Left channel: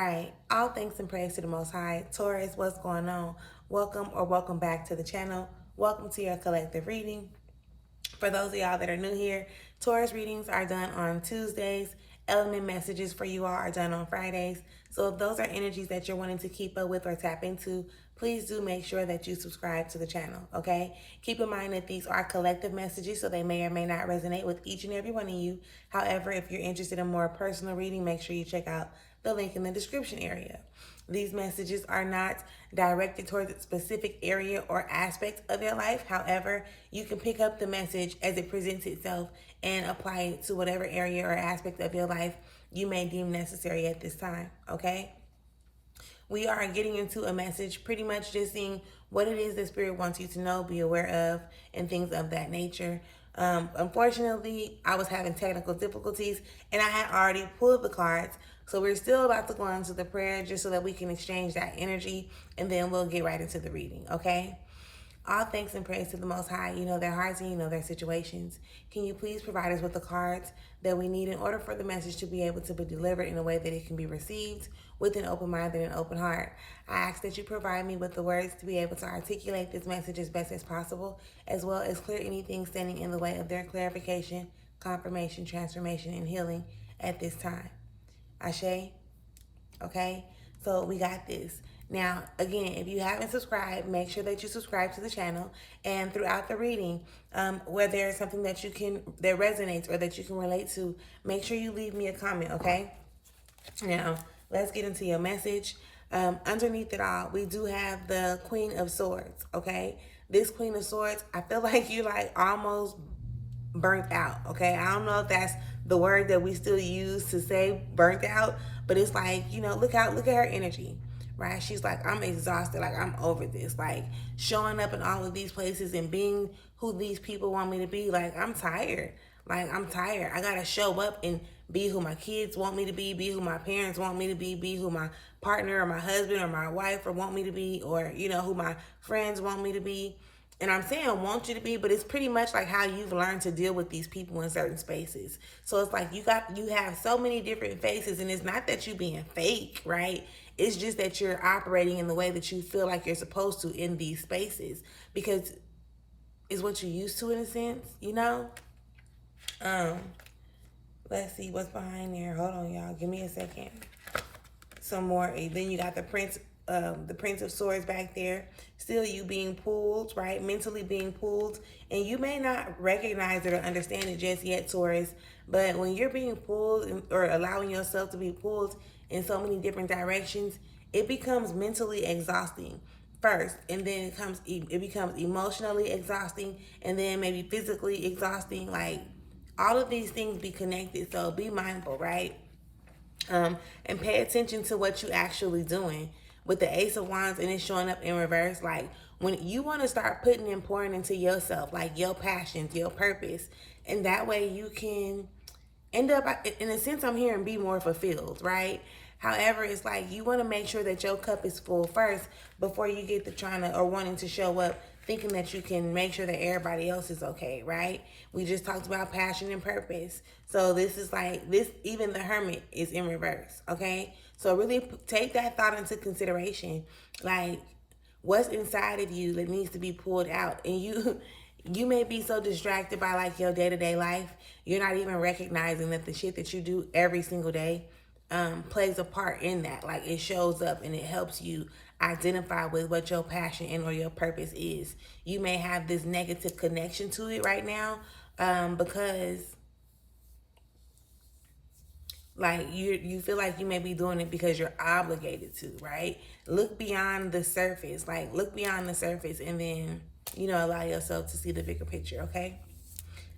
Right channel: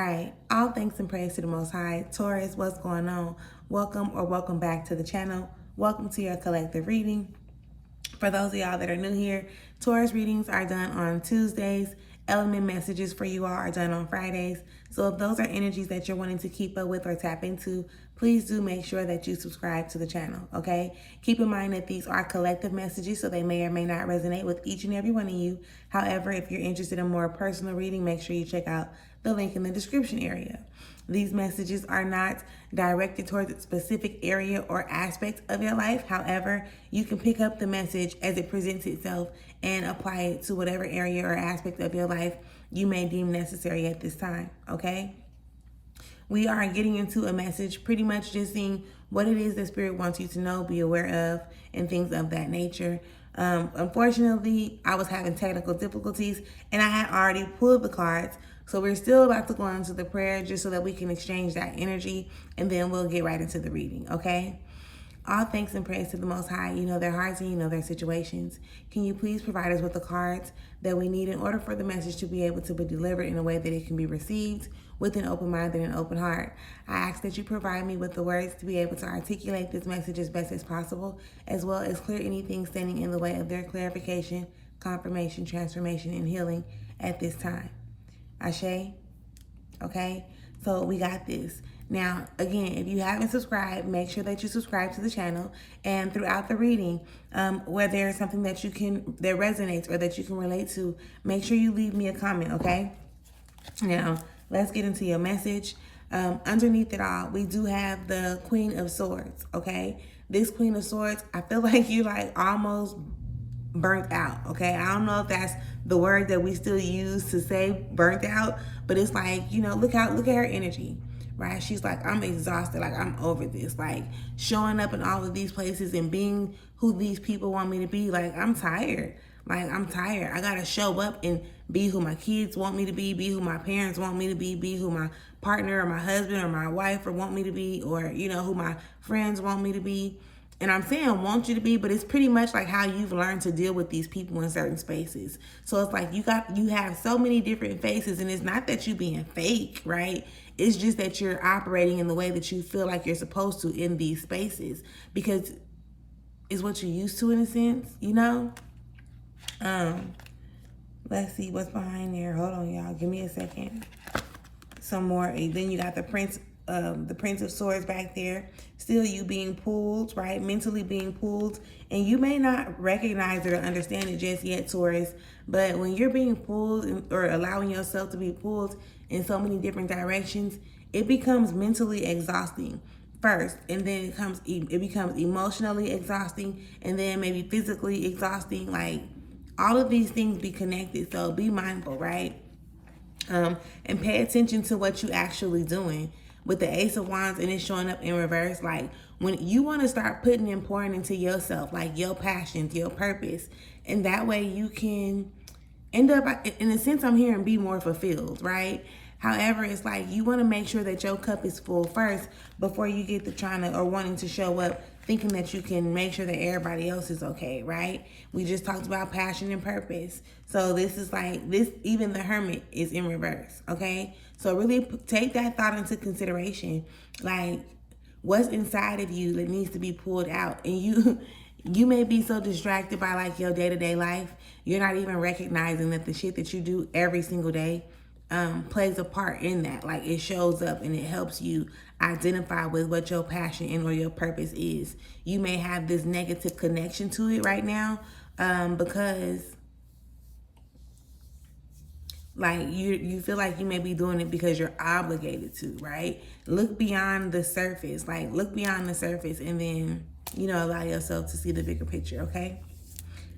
All right, all thanks and praise to the Most High. Taurus, what's going on? Welcome or welcome back to the channel. Welcome to your collective reading. For those of y'all that are new here, Taurus readings are done on Tuesdays. Element messages for you all are done on Fridays. So if those are energies that you're wanting to keep up with or tap into, please do make sure that you subscribe to the channel, okay? Keep in mind that these are collective messages, so they may or may not resonate with each and every one of you. However, if you're interested in more personal reading, make sure you check out the link in the description area. These messages are not directed towards a specific area or aspect of your life. However, you can pick up the message as it presents itself and apply it to whatever area or aspect of your life you may deem necessary at this time, okay? We are getting into a message, pretty much just seeing what it is that Spirit wants you to know, be aware of, and things of that nature. Unfortunately, I was having technical difficulties and I had already pulled the cards. So we're still about to go into the prayer just so that we can exchange that energy, and then we'll get right into the reading, okay? All thanks and praise to the Most High. You know their hearts and you know their situations. Can you please provide us with the cards that we need in order for the message to be able to be delivered in a way that it can be received with an open mind and an open heart? I ask that you provide me with the words to be able to articulate this message as best as possible, as well as clear anything standing in the way of their clarification, confirmation, transformation, and healing at this time. Ashe? Okay? So we got this. Now, again, if you haven't subscribed, make sure that you subscribe to the channel. And throughout the reading, where there's something that that resonates or that you can relate to, make sure you leave me a comment, okay? Now, let's get into your message. Underneath it all, we do have the Queen of Swords, okay? This Queen of Swords, I feel like you almost burnt out, okay? I don't know if that's the word that we still use to say burnt out, but it's like, look at her energy, right? She's like, I'm exhausted, like I'm over this, like showing up in all of these places and being who these people want me to be. Like I'm tired. I gotta show up and be who my kids want me to be who my parents want me to be who my partner or my husband or my wife or want me to be, or who my friends want me to be. And I'm saying want you to be, but it's pretty much like how you've learned to deal with these people in certain spaces. So it's like you have so many different faces, and it's not that you being fake, right? It's just that you're operating in the way that you feel like you're supposed to in these spaces, because it's what you're used to in a sense, Let's see what's behind there. Hold on, y'all. Give me a second. Some more. And then you got the Prince of Swords back there. Still you being pulled, right? Mentally being pulled. And you may not recognize it or understand it just yet, Taurus. But when you're being pulled or allowing yourself to be pulled in so many different directions, it becomes mentally exhausting first. And then it becomes emotionally exhausting. And then maybe physically exhausting. Like all of these things be connected. So be mindful, right? And pay attention to what you actually doing. With the Ace of Wands and it's showing up in reverse, like when you want to start putting and pouring into yourself, like your passions, your purpose, and that way you can end up, in a sense, I'm hearing be more fulfilled, right? However, it's like you want to make sure that your cup is full first before you get to trying to or wanting to show up thinking that you can make sure that everybody else is okay, right? We just talked about passion and purpose. So this is like this, even the Hermit is in reverse, okay? So really take that thought into consideration. Like what's inside of you that needs to be pulled out. And you may be so distracted by like your day-to-day life, you're not even recognizing that the shit that you do every single day plays a part in that. Like it shows up and it helps you identify with what your passion and or your purpose is. You may have this negative connection to it right now because like you feel like you may be doing it because you're obligated to, right? Look beyond the surface, and then allow yourself to see the bigger picture, okay?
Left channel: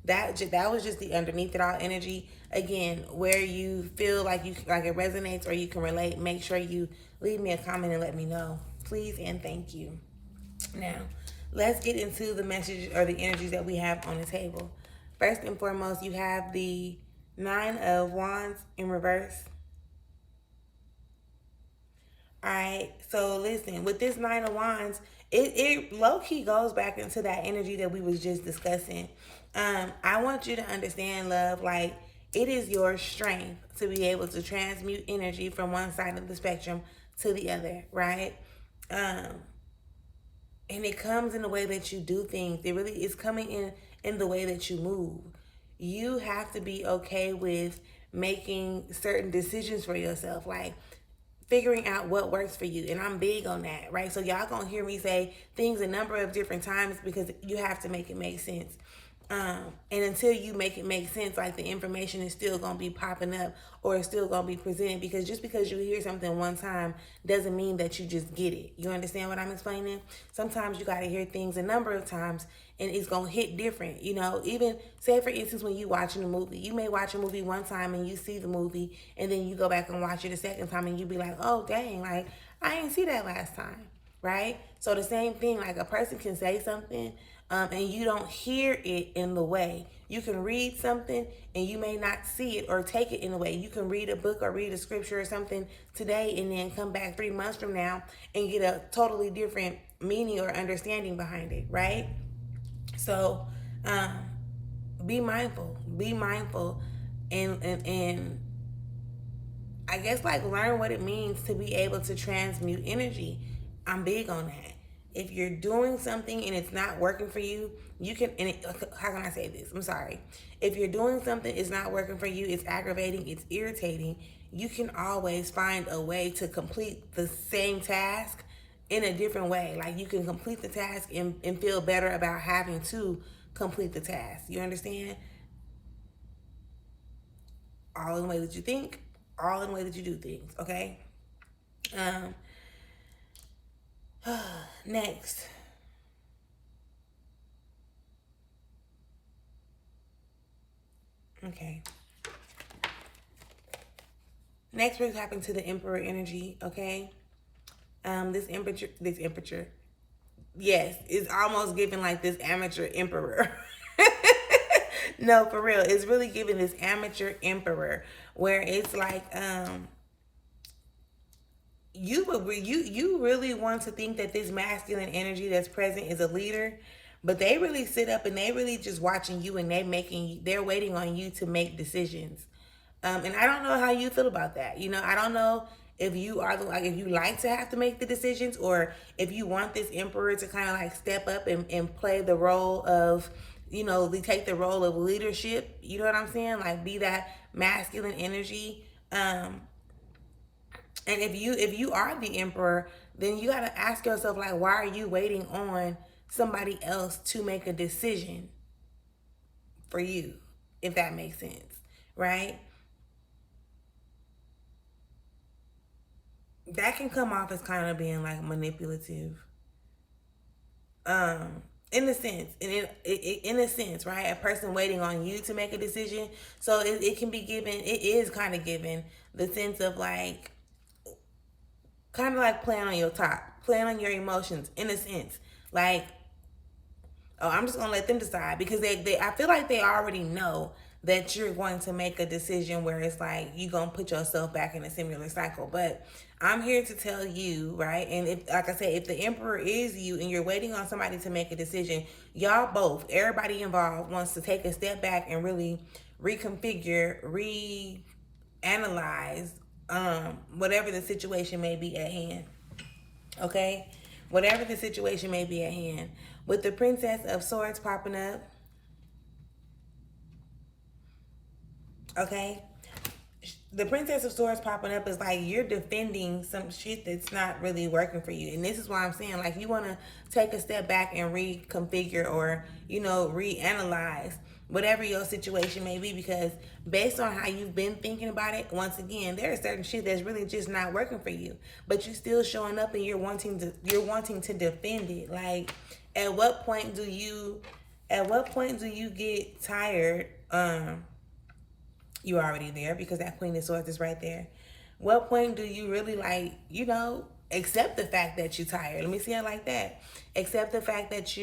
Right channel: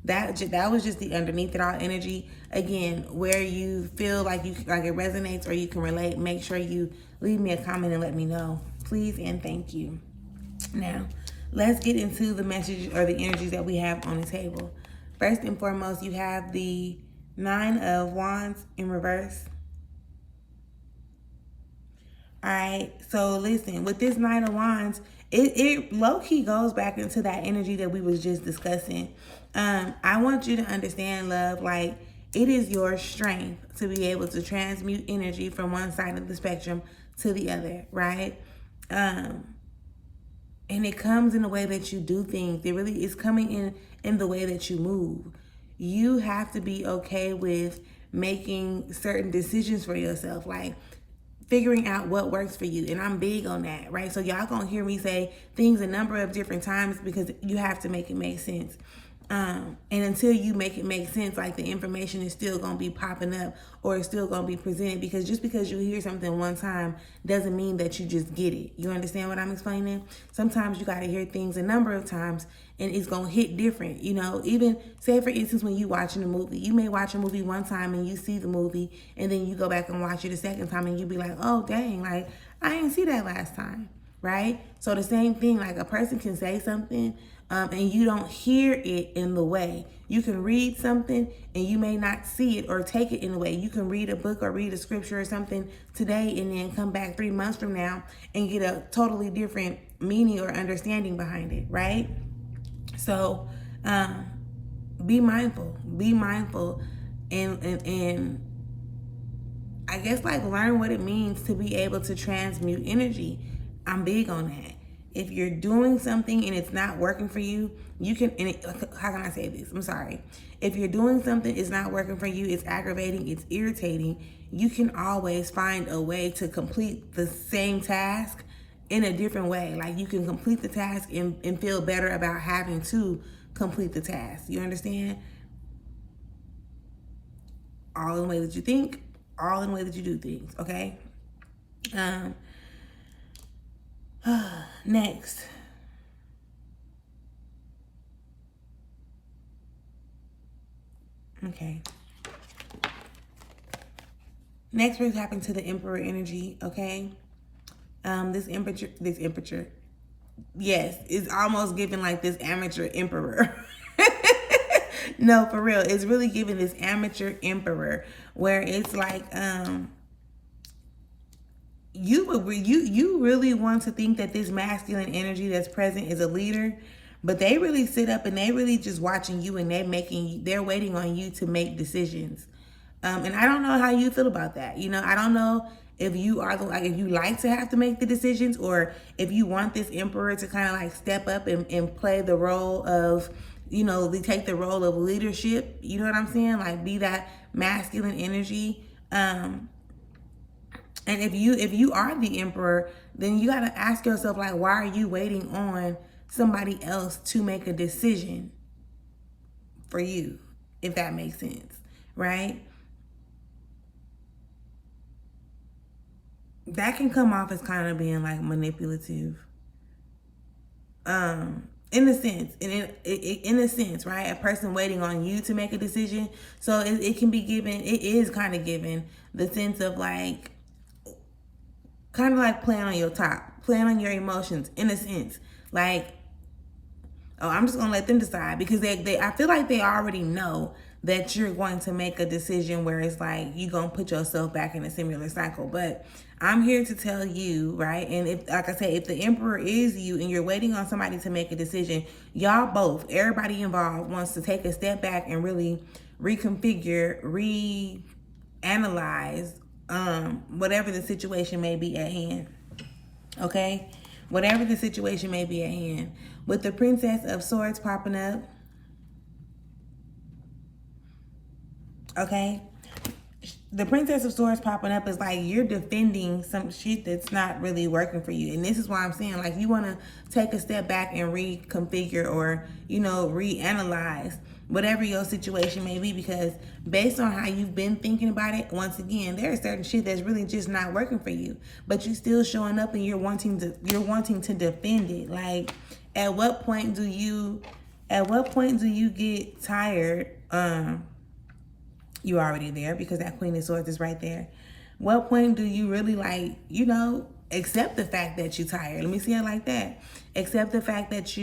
That was just the underneath it all energy. Again, where you feel like it resonates or you can relate, make sure you leave me a comment and let me know, please and thank you. Now, let's get into the message or the energies that we have on the table. First and foremost, you have the Nine of Wands in reverse. All right, so listen, with this Nine of Wands, it low-key goes back into that energy that we was just discussing. I want you to understand, love, like It is your strength to be able to transmute energy from one side of the spectrum to the other, right? And it comes in the way that you do things. It really is coming in the way that you move. You have to be okay with making certain decisions for yourself, like figuring out what works for you. And I'm big on that, right? So y'all gonna hear me say things a number of different times because you have to make it make sense. And until you make it make sense, like the information is still gonna be popping up or it's still gonna be presented, because just because you hear something one time doesn't mean that you just get it. You understand what I'm explaining? Sometimes you gotta hear things a number of times and it's gonna hit different. You know, even say for instance, when you watching a movie, you may watch a movie one time and you see the movie and then you go back and watch it a second time and you be like, oh dang, like I didn't see that last time, right? So the same thing, like a person can say something and you don't hear it in the way. You can read something and you may not see it or take it in the way. You can read a book or read a scripture or something today and then come back 3 months from now and get a totally different meaning or understanding behind it, right? So be mindful and I guess like learn what it means to be able to transmute energy. I'm big on that. If you're doing something and it's not working for you, you can, how can I say this? I'm sorry. If you're doing something, it's not working for you, it's aggravating, it's irritating, you can always find a way to complete the same task in a different way. Like you can complete the task and feel better about having to complete the task. You understand? All in the way that you think, all in the way that you do things, okay? Next. Okay. Next, we're tapping to the Emperor energy, okay? This emperor, yes, it's almost giving like this amateur emperor. No, for real, it's really giving this amateur emperor where it's like, you really want to think that this masculine energy that's present is a leader, but they really sit up and they really just watching you and they're waiting on you to make decisions. And I don't know how you feel about that. You know, I don't know if you are if you like to have to make the decisions, or if you want this emperor to kind of like step up and play the role of, you know, they take the role of leadership. You know what I'm saying? Like be that masculine energy. And if you are the emperor, then you got to ask yourself, like, why are you waiting on somebody else to make a decision for you, if that makes sense, right? That can come off as kind of being like manipulative. In a sense, right? A person waiting on you to make a decision. So it can be given, it is kind of given the sense of like, kind of like playing on your top, playing on your emotions in a sense. Like, oh, I'm just gonna let them decide, because I feel like they already know that you're going to make a decision where it's like you're gonna put yourself back in a similar cycle. But I'm here to tell you, right? And if, like I said, if the emperor is you and you're waiting on somebody to make a decision, y'all both, everybody involved wants to take a step back and really reconfigure, reanalyze whatever the situation may be at hand. Okay? Whatever the situation may be at hand. With the Princess of Swords popping up. Okay? The Princess of Swords popping up is like you're defending some shit that's not really working for you. And this is why I'm saying, like, you want to take a step back and reconfigure or, you know, reanalyze whatever your situation may be, because based on how you've been thinking about it, once again, there is certain shit that's really just not working for you, but you still showing up and you're wanting to defend it. Like, at what point do you get tired? You already there, because that Queen of Swords is right there. What point do you really, like, you know, accept the fact that you're tired? Let me see it like that. Accept the fact that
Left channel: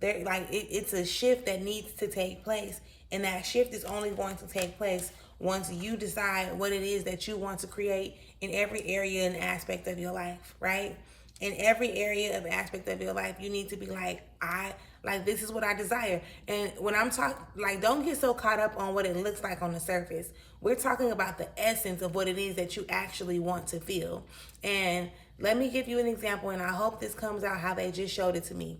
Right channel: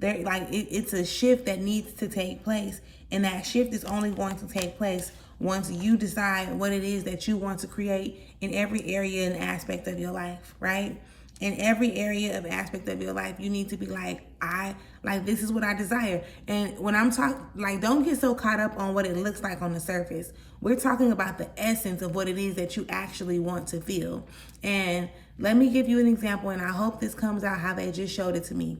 it's a shift that needs to take place, and that shift is only going to take place once you decide what it is that you want to create in every area and aspect of your life, right? In every area of aspect of your life, you need to be like, this is what I desire. And when I'm talking, like, don't get so caught up on what it looks like on the surface. We're talking about the essence of what it is that you actually want to feel. And let me give you an example, and I hope this comes out how they just showed it to me.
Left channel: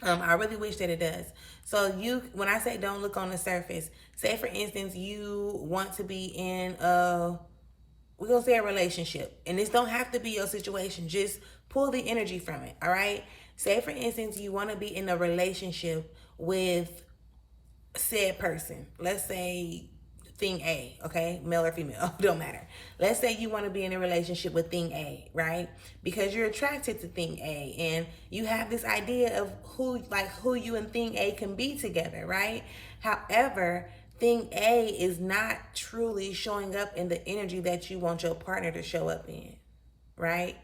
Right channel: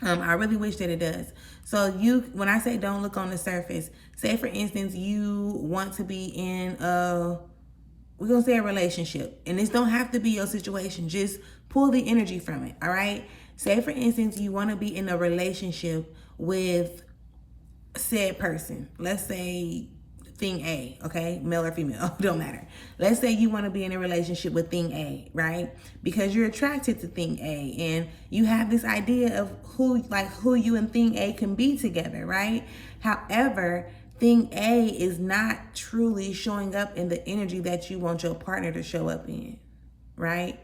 I really wish that it does. So when I say don't look on the surface, say for instance, you want to be in we're going to say a relationship, and this don't have to be your situation. Just pull the energy from it. All right. Say for instance, you want to be in a relationship with said person. Let's say thing A, okay? Male or female, don't matter. Let's say you want to be in a relationship with thing A, right? Because you're attracted to thing A and you have this idea of who you and thing A can be together, right? However, thing A is not truly showing up in the energy that you want your partner to show up in, right?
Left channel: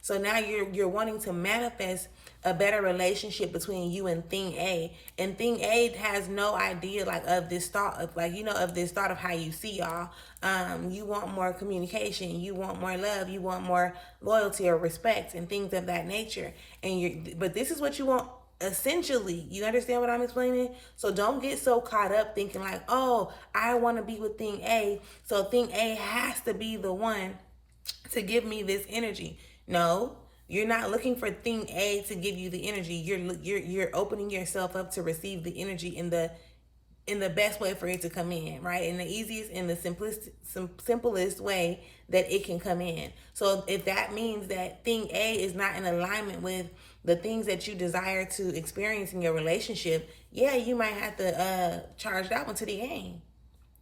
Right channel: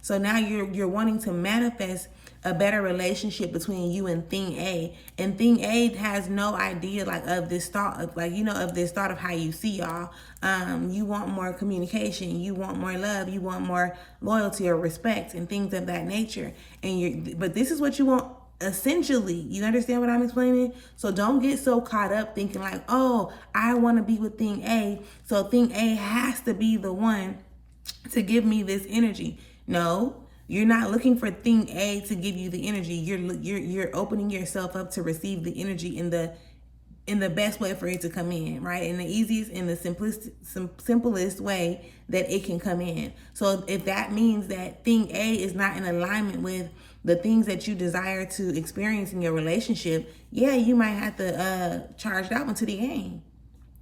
So now you're wanting to manifest a better relationship between you and thing A, and thing A has no idea of this thought of how you see y'all. You want more communication, you want more love, you want more loyalty or respect and things of that nature. But this is what you want essentially. You understand what I'm explaining? So don't get so caught up thinking like, oh, I want to be with thing A, so thing A has to be the one to give me this energy. No, you're not looking for thing A to give you the energy. You're opening yourself up to receive the energy in the best way for it to come in, right? In the easiest and the simplest way that it can come in. So if that means that thing A is not in alignment with the things that you desire to experience in your relationship, yeah, you might have to charge that one to the game.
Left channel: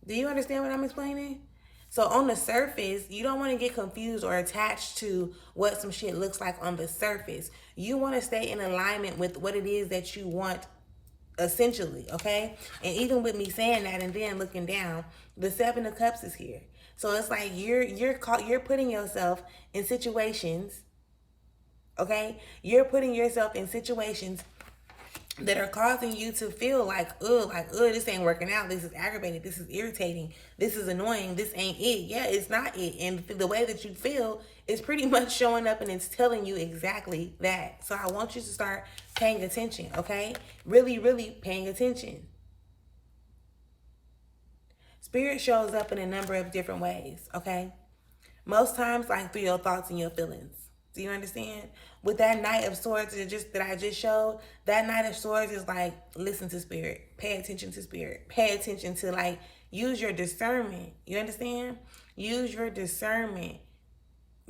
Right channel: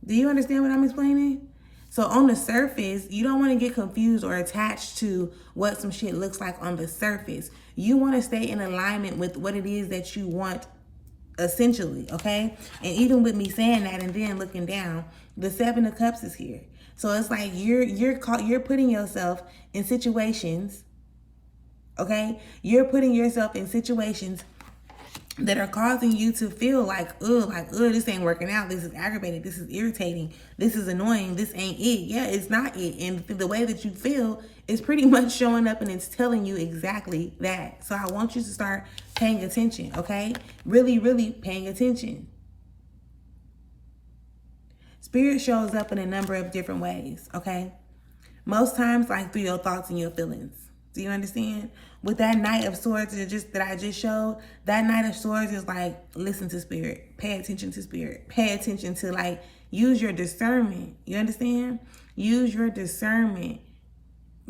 Do you understand what I'm explaining? So on the surface, you don't want to get confused or attached to what some shit looks like on the surface. You want to stay in alignment with what it is that you want essentially, okay? And even with me saying that and then looking down, the Seven of Cups is here. So it's like you're putting yourself in situations, okay? You're putting yourself in situations that are causing you to feel like, this ain't working out. This is aggravating. This is irritating. This is annoying. This ain't it. Yeah, it's not it. And the way that you feel is pretty much showing up and it's telling you exactly that. So I want you to start paying attention, okay? Really, really paying attention. Spirit shows up in a number of different ways, okay? Most times, like through your thoughts and your feelings. Do you understand? With that Knight of Swords that I just showed, that Knight of Swords is like, listen to spirit. Pay attention to spirit. Pay attention to use your discernment. You understand? Use your discernment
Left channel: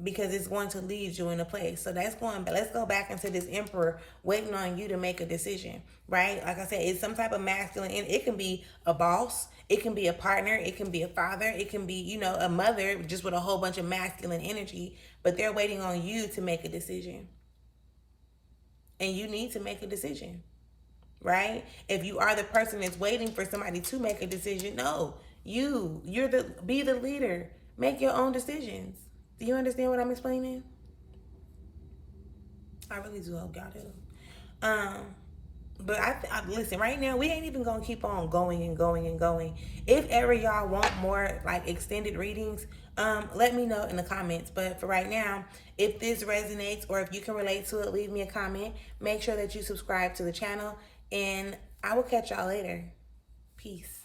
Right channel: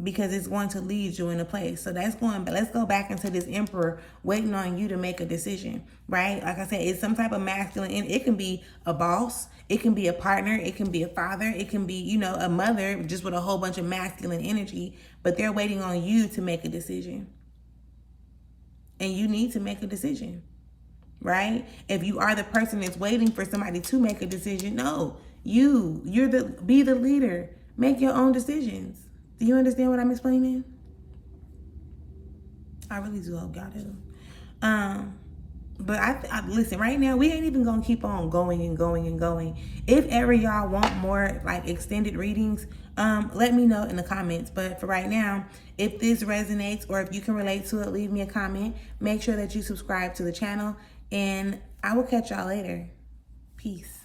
because it's going to lead you in a place. So let's go back into this Emperor waiting on you to make a decision, right? Like I said, it's some type of masculine, and it can be a boss. It can be a partner. It can be a father. It can be, a mother just with a whole bunch of masculine energy, but they're waiting on you to make a decision. And you need to make a decision, right? If you are the person that's waiting for somebody to make a decision, no, be the leader. Make your own decisions. Do you understand what I'm explaining? I really do hope y'all do. But I listen, right now, we ain't even gonna keep on going and going and going. If ever y'all want more extended readings, let me know in the comments. But for right now, if this resonates or if you can relate to it, leave me a comment. Make sure that you subscribe to the channel, and I will catch y'all later. Peace.